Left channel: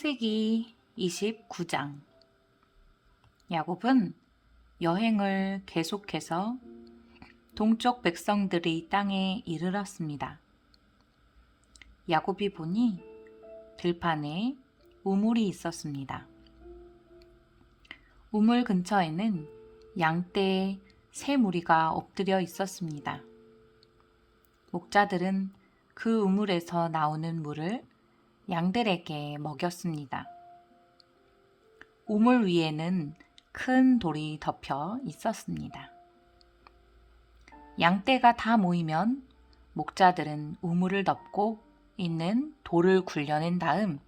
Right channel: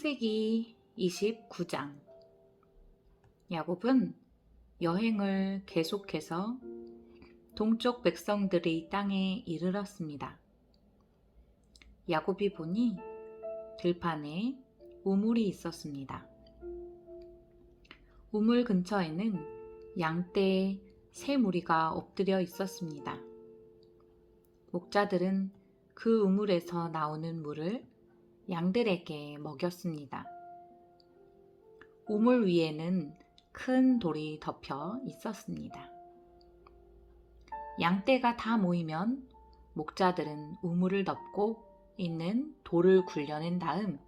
창세기 29장. 야곱은 여행을 계속해서 동쪽 백성들의 땅에 이르렀습니다. 야곱이 보니 들판에 우물이 있었습니다. 우물 근처에는 양떼 세 무리가 엎드려 있었습니다. 목자들은 그 우물에서 나오는 물을 양들에게 먹였습니다. 우물 위에는 큰 돌이 덮여 있었습니다. 양떼가 다 모이면 목자들은 우물을 덮고 있는 돌을 굴려낸 다음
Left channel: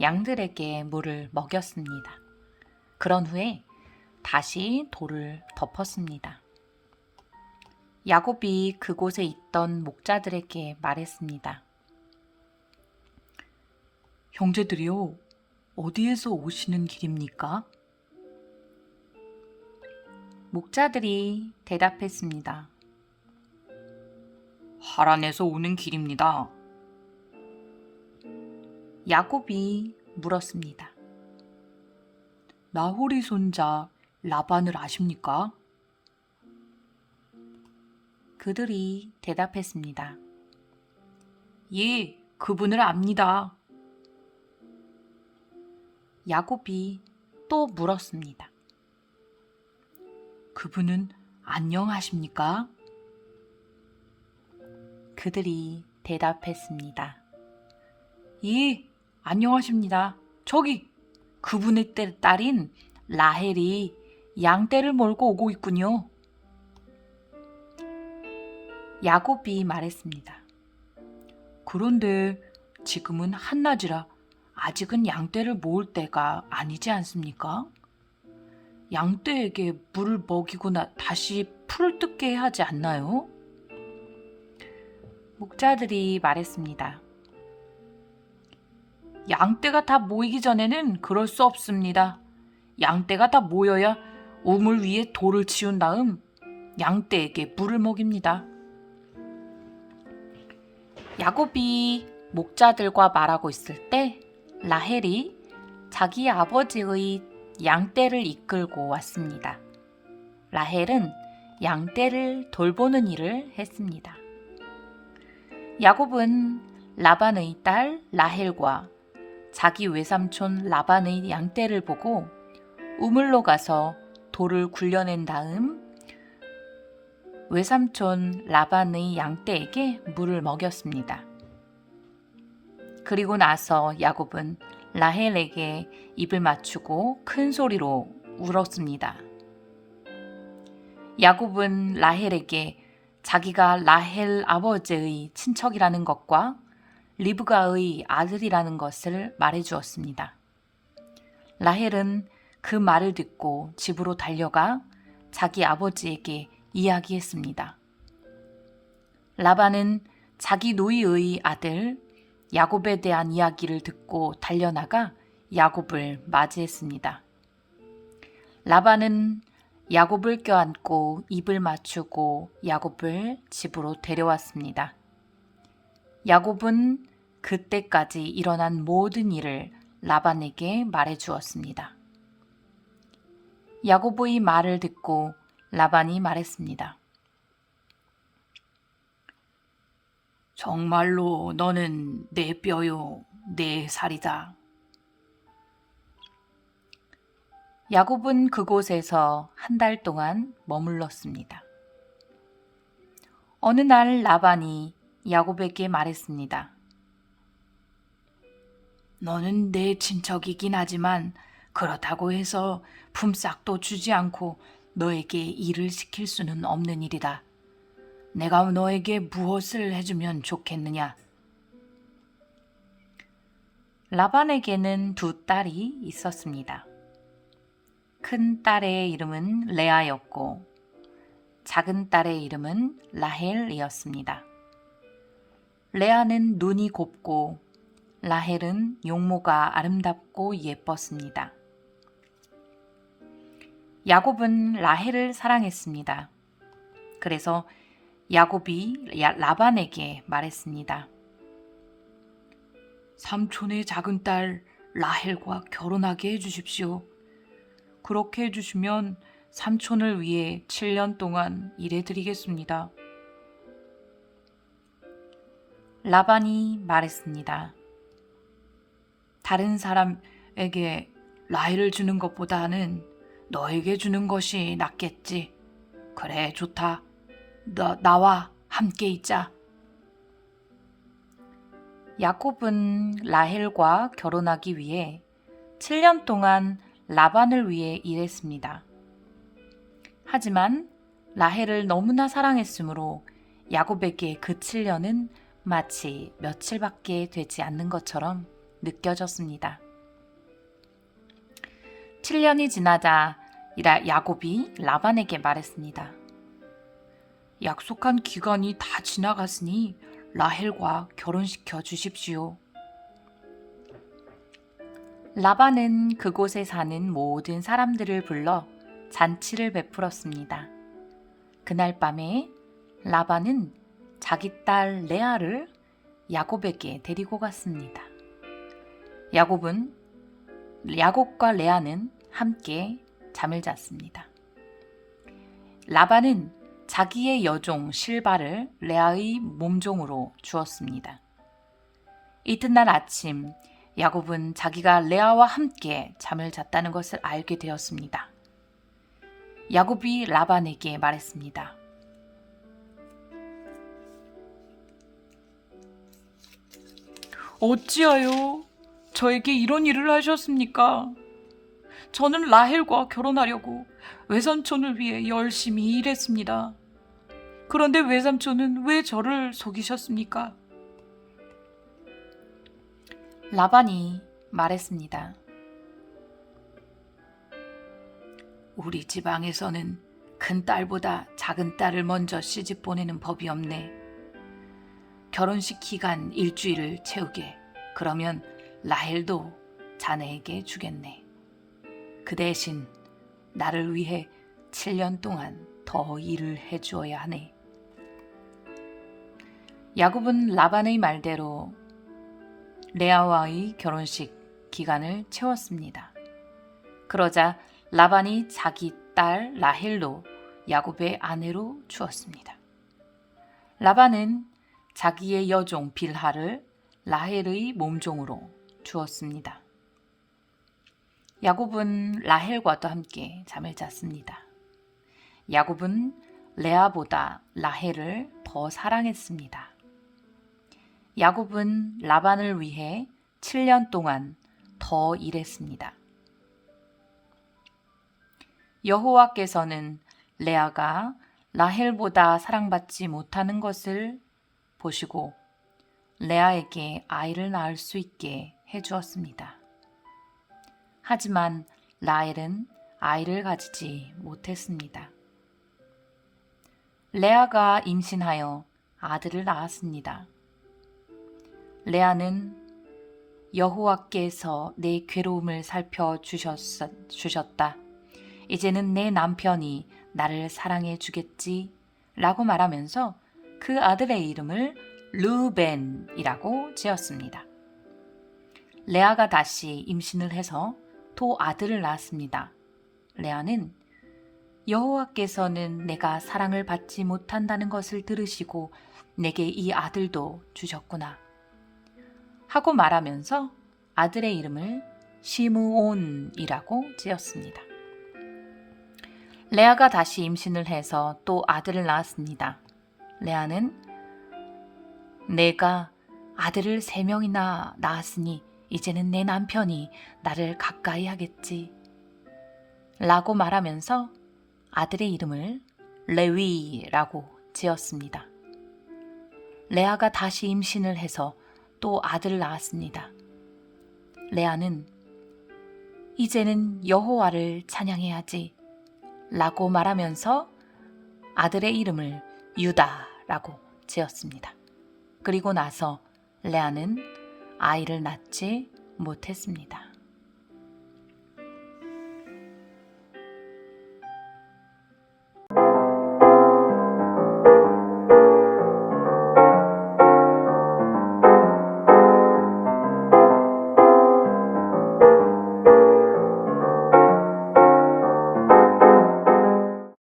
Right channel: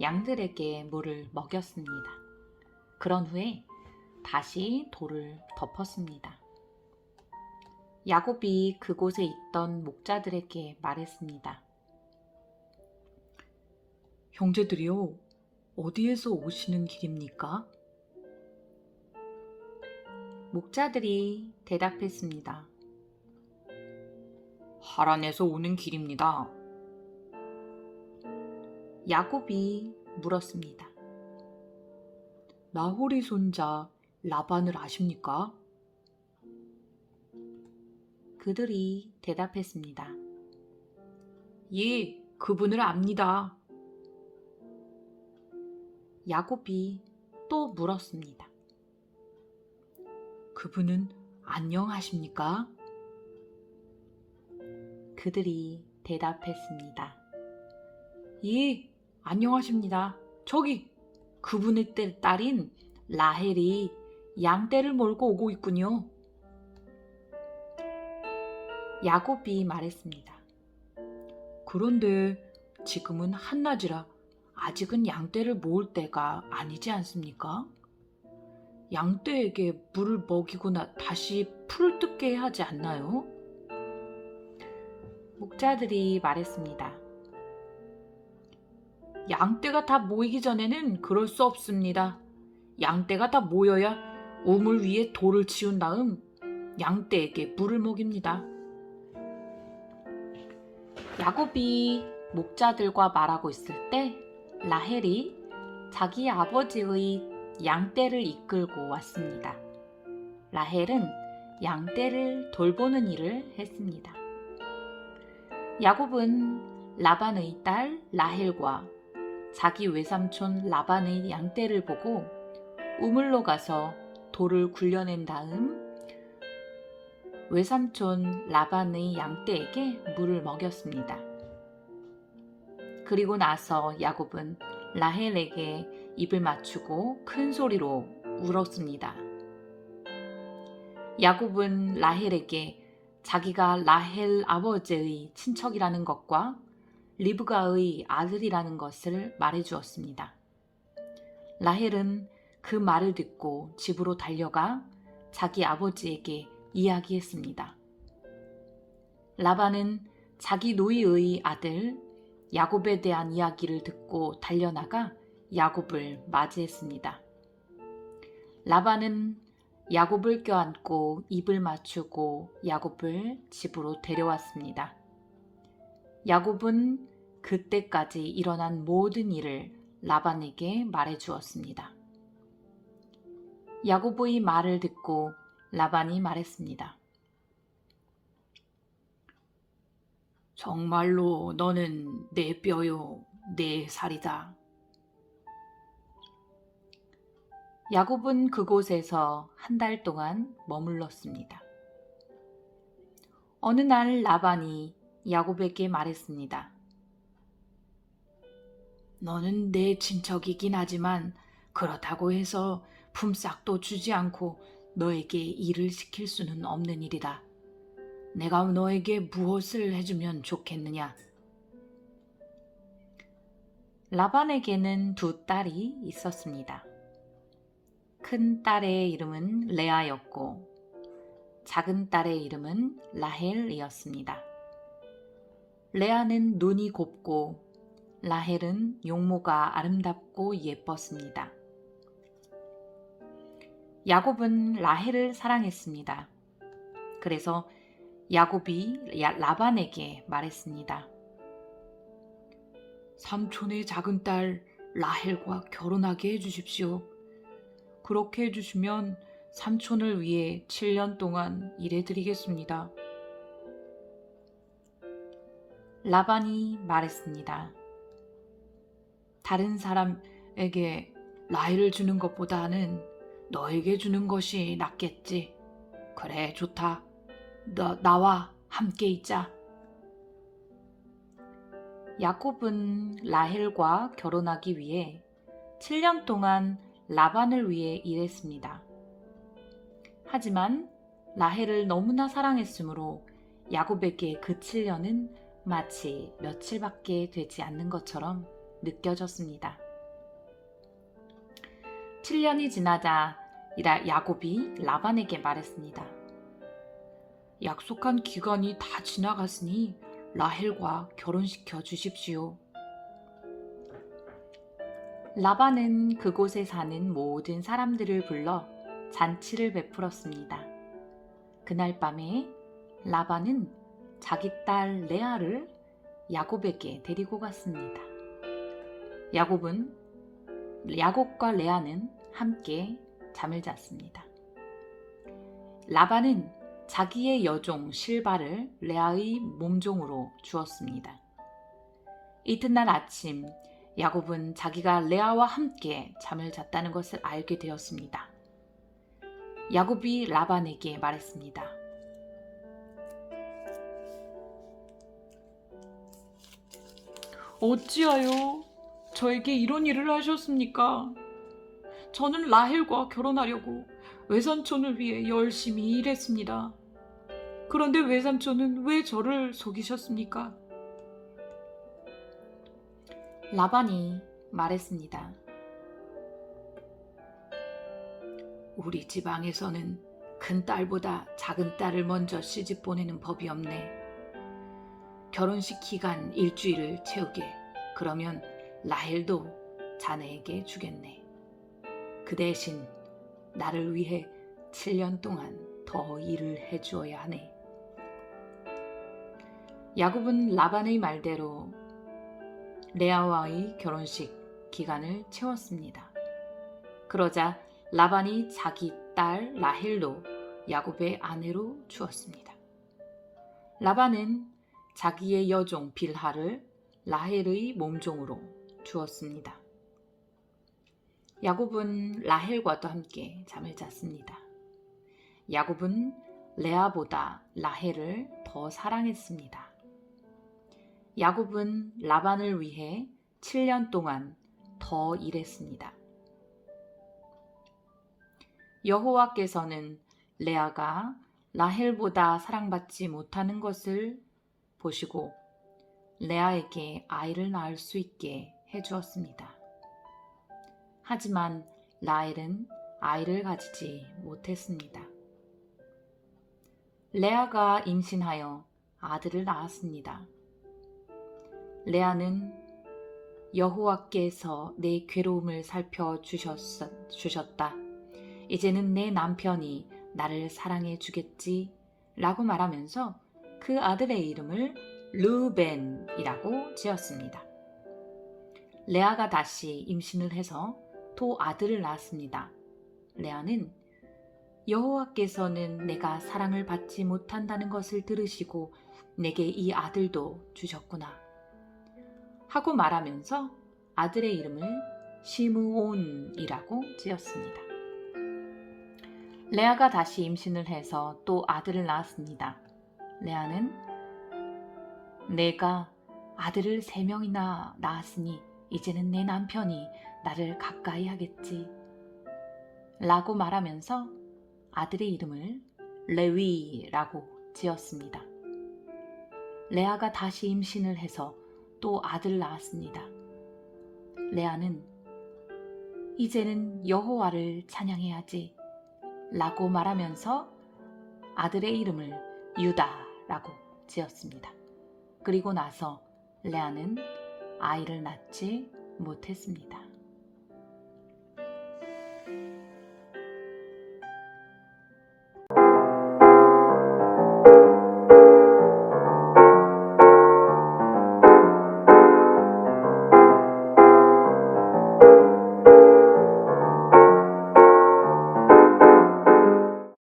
양들에게 물을 먹였습니다. 그런 후에 다시 돌을 덮었습니다. 야곱이 그곳에 있던 목자들에게 말했습니다. 형제들이요, 어디에서 오시는 길입니까? 목자들이 대답했습니다. 하란에서 오는 길입니다. 야곱이 물었습니다. 나홀이 손자 라반을 아십니까? 그들이 대답했습니다. 예, 그분을 압니다. 야곱이 또 물었습니다. 그분은 안녕하십니까? 그들이 대답했습니다. 예, 안녕하십니다. 저기 그분의 딸인 라헬이 양떼를 몰고 오고 있군요. 야곱이 말했습니다. 그런데 지금은 한낮이라 아직은 양떼를 모을 때가 아니지 않습니까? 양떼에게 물을 먹이고 다시 풀을 뜯게 하지 않나요? 목자들이 말했습니다. 양떼가 다 모이기 전에는 그럴 수 없습니다. 양떼가 다 모여야 우물 위에 돌을 치운 다음 양떼에게 물을 먹입니다. 야곱이 목자들과 말하고 있을 때 라헬이 자기 아버지의 양떼를 이끌고 왔습니다. 라헬은 양떼를 돌보는 일을 했습니다. 야곱은 라반의 딸 라헬과 자기 외삼촌 라반의 양떼를 보고 우물로 가서 돌을 굴려낸 다음 외삼촌 라반의 양떼에게 물을 먹였습니다. 그리고 나서 야곱은 라헬에게 입을 맞추고 큰 소리로 울었습니다. 야곱은 라헬에게 자기가 라헬 아버지의 친척이라는 것과 리브가의 아들이라는 것을 말해주었습니다. 라헬은 그 말을 듣고 집으로 달려가 자기 아버지에게 이야기했습니다. 라반은 자기 노이의 아들 야곱에 대한 이야기를 듣고 달려나가 야곱을 맞이했습니다. 라반은 야곱을 껴안고 입을 맞추고 야곱을 집으로 데려왔습니다. 야곱은 그때까지 일어난 모든 일을 라반에게 말해주었습니다. 야곱의 말을 듣고 라반이 말했습니다. 정말로 너는 내 뼈요, 내 살이다. 야곱은 그곳에서 한 달 동안 머물렀습니다. 어느 날 라반이 야곱에게 말했습니다. 너는 내 친척이긴 하지만 그렇다고 해서 품삯도 주지 않고 너에게 일을 시킬 수는 없는 일이다. 내가 너에게 무엇을 해주면 좋겠느냐? 라반에게는 두 딸이 있었습니다. 큰 딸의 이름은 레아였고 작은 딸의 이름은 라헬이었습니다. 레아는 눈이 곱고 라헬은 용모가 아름답고 예뻤습니다. 야곱은 라헬을 사랑했습니다. 그래서 야곱이 라반에게 말했습니다. 삼촌의 작은 딸 라헬과 결혼하게 해주십시오. 그렇게 해주시면 삼촌을 위해 7년 동안 일해드리겠습니다. 라반이 말했습니다. 다른 사람에게 라헬을 주는 것보다는 너에게 주는 것이 낫겠지. 그래, 좋다. 나와 함께 있자. 야곱은 라헬과 결혼하기 위해 7년 동안 라반을 위해 일했습니다. 하지만 라헬을 너무나 사랑했으므로 야곱에게 그 7년은 마치 며칠밖에 되지 않는 것처럼 느껴졌습니다. 7년이 지나자 야곱이 라반에게 말했습니다. 약속한 기간이 다 지나갔으니 라헬과 결혼시켜 주십시오. 라반은 그곳에 사는 모든 사람들을 불러 잔치를 베풀었습니다. 그날 밤에 라반은 자기 딸 레아를 야곱에게 데리고 갔습니다. 야곱과 레아는 함께 잠을 잤습니다. 라반은 자기의 여종 실바를 레아의 몸종으로 주었습니다. 이튿날 아침 야곱은 자기가 레아와 함께 잠을 잤다는 것을 알게 되었습니다. 야곱이 라반에게 말했습니다. 어찌하여 저에게 이런 일을 하셨습니까? 저는 라헬과 결혼하려고 외삼촌을 위해 열심히 일했습니다. 그런데 외삼촌은 왜 저를 속이셨습니까? 라반이 말했습니다. 우리 지방에서는 큰 딸보다 작은 딸을 먼저 시집 보내는 법이 없네. 결혼식 기간 일주일을 채우게. 그러면 라헬도 자네에게 주겠네. 그 대신 나를 위해 7년 동안 더 일을 해주어야 하네. 야곱은 라반의 말대로 레아와의 결혼식 기간을 채웠습니다. 그러자 라반이 자기 딸 라헬도 야곱의 아내로 주었습니다. 라반은 자기의 여종 빌하를 라헬의 몸종으로 주었습니다. 야곱은 라헬과도 함께 잠을 잤습니다. 야곱은 레아보다 라헬을 더 사랑했습니다. 야곱은 라반을 위해 7년 동안 더 일했습니다. 여호와께서는 레아가 라헬보다 사랑받지 못하는 것을 보시고 레아에게 아이를 낳을 수 있게 해주었습니다. 하지만 라헬은 아이를 가지지 못했습니다. 레아가 임신하여 아들을 낳았습니다. 레아는 여호와께서 내 괴로움을 살펴주셨다. 이제는 내 남편이 나를 사랑해 주겠지 라고 말하면서 그 아들의 이름을 르벤이라고 지었습니다. 레아가 다시 임신을 해서 또 아들을 낳았습니다. 레아는 여호와께서는 내가 사랑을 받지 못한다는 것을 들으시고 내게 이 아들도 주셨구나 하고 말하면서 아들의 이름을 시므온이라고 지었습니다. 레아가 다시 임신을 해서 또 아들을 낳았습니다. 레아는 내가 아들을 3명이나 낳았으니 이제는 내 남편이 나를 가까이 하겠지 라고 말하면서 아들의 이름을 레위라고 지었습니다. 레아가 다시 임신을 해서 또 아들을 낳았습니다. 레아는 이제는 여호와를 찬양해야지 라고 말하면서 아들의 이름을 유다라고 지었습니다. 그리고 나서 레아는 아이를 낳지 못했습니다.